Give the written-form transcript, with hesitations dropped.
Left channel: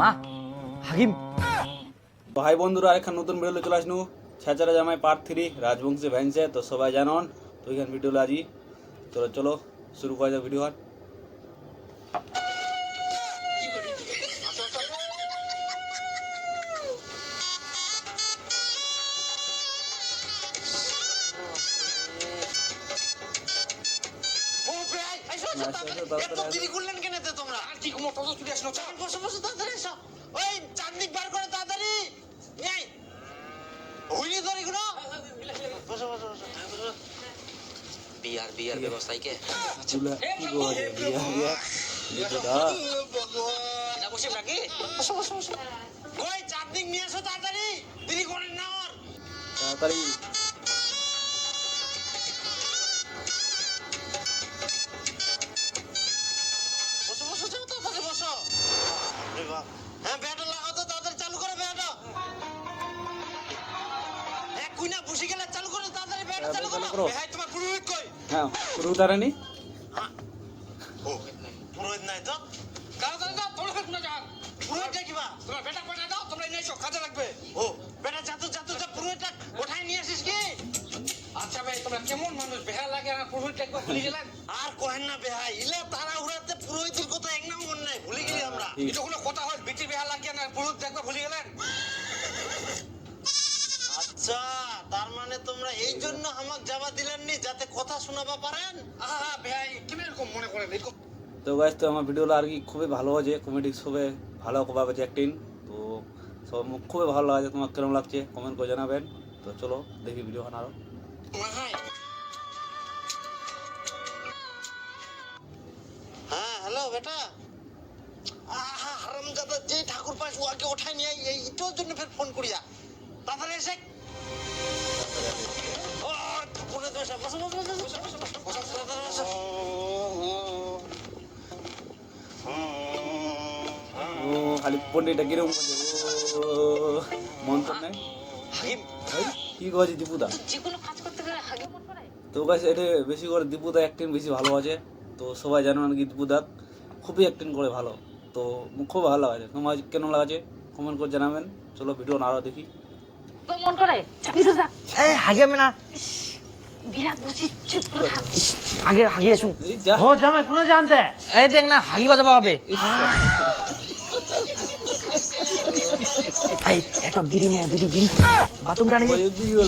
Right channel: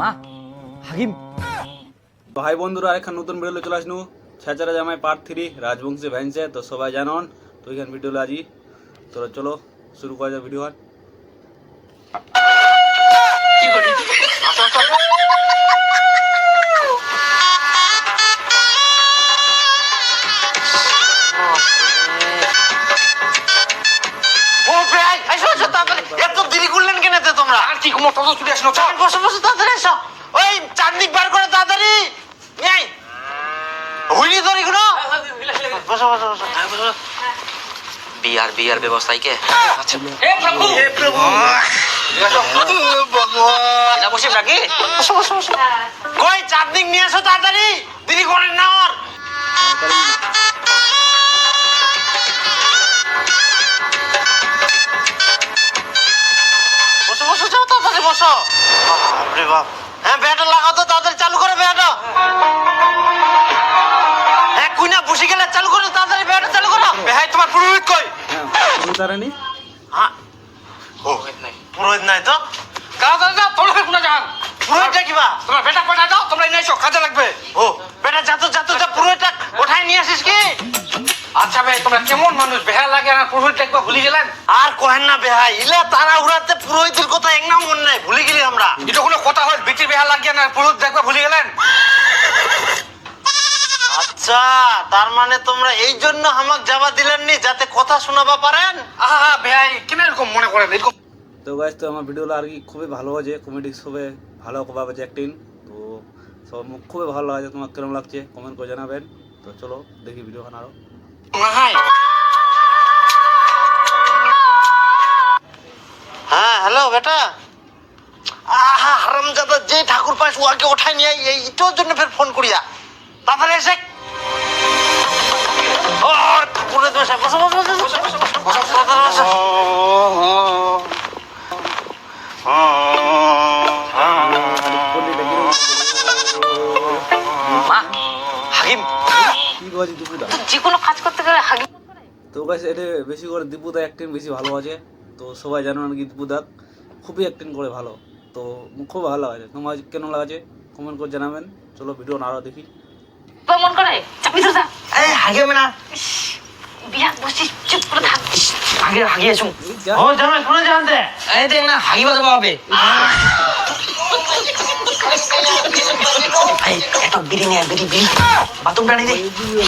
মা হাকিম ভাই বন্ধুরা আরেকখান নতুন ভিডিও চলে আসনু ছেচারা জামাই পার্ট 3 রাজবংশী ভ্যানসে তো সবাই জানন তো এখান ভিডিও আজি তো চলো শুরু করা যাক ভিডিও এত দেরি করলেন কেন তোমরা? আর কি কোনো তত ছুটে আসলো? বসে বসে তাড়াতাড়ি এসো। ওই চারদিক বার করে তাড়াতাড়ি এই হইনি তোর এগুলো। বসো বসো বসো। বিয়ার ব্যবস্থায় কে? হে প্রভু ভগবান এটা বসে নাকি? বসো বসো বসো। কই চারদিক নিয়ে আসো তাড়াতাড়ি, দেরি করেন না আর। বসো বসো যাও তাড়াতাড়ি বসো। বাপরে বাপ। হ্যাঁ ব্যাটা লাগাও তো তাড়াতাড়ি চালু করে ব্যাটা। হ্যাঁ কুইনা বসে গেলে চালু করো তাড়াতাড়ি ব্যাটা চালু করো। ভাই তোমার পুরোহিত কই? হ্যাঁ পুরোহিতারানি হ্যাঁ ও পুরোহিত নাই তো কাজে যাও তোমরা কোনা যান। পুরোহিতটা কিবা তোমার বেটা কয়টা দাও তোমরা নিয়ে এসো কাজে লাগবে। ও বেটা যা পুরোহিতটা ওঠাই নিয়ে আসিস কি? আচ্ছা ভাই তোমরা কেমন মানুষ বেহা লাগে আর পুরোহিতটা একবার ভুলে গেলেন? আর কহেন না বেহাই ইলা তারা উড়াতে পুরোহিতের কথা এক নাম মন নাই ভুলে গেলি আমরা। এটা কোনো কথা হয় বেটির বেহা লাগে না পুরোহিত একবার ভুলে গেলেন? আচ্ছা তার মানে তোমরা এই জন্য আমাকে যাবা দিলেননি যাতে কথা শোনাবা পারেন? আহা বেহাই কেন এরকম মনে করেন? এরকম তো গাইস তো আমার ভিডিওটা আর কি খুবই ভালো হয়েছে কমেডি সবে ভালো ভাবে অ্যাক্টিং তো সব খুবই ভালো লাগছে তোমার কেমন লাগছে কমেন্ট করে জানাবেন তো চলো দেখি ভিডিও আরো হ্যাঁ হ্যালো বেটা আহা হারামজাদা যে ঠাকুর পাশ ওকে ওঠাই নিয়ে এইটার জন্য ফের ফোন করিয়া তাড়াতাড়ি এসে ও পুরো বসে বসো বসো বসো বসো বসো তাড়াতাড়ি বসো খালি পল্লীটা কিরকম মা হাকিম কি করেছি দীপুদা যে কোনো কাজ করতে গেলে হাগি মন করে। তো গাইস এটা বেশি করে দীপুদা অ্যাক্টিং বেশি ভালো আছে তো সবাই জানো নাকি দীপুদা খুবই অ্যাক্টিং করে ভালো তো খুব ভালো লাগছে তোমার কেন লাগছে কমেন্ট করে জানাবেন চলো ভিডিও আরো দেখি মন করে চাপি তো এই হাগে না বিরাট বসে চুপ করে থাক। হাগিয়ে শুন ও জামাই শুনে জানতে এই দেখ না হাগি বাজাবো হবে এই একটা বিড়ি নিয়ে বিড়ি বাথরুম টানি দে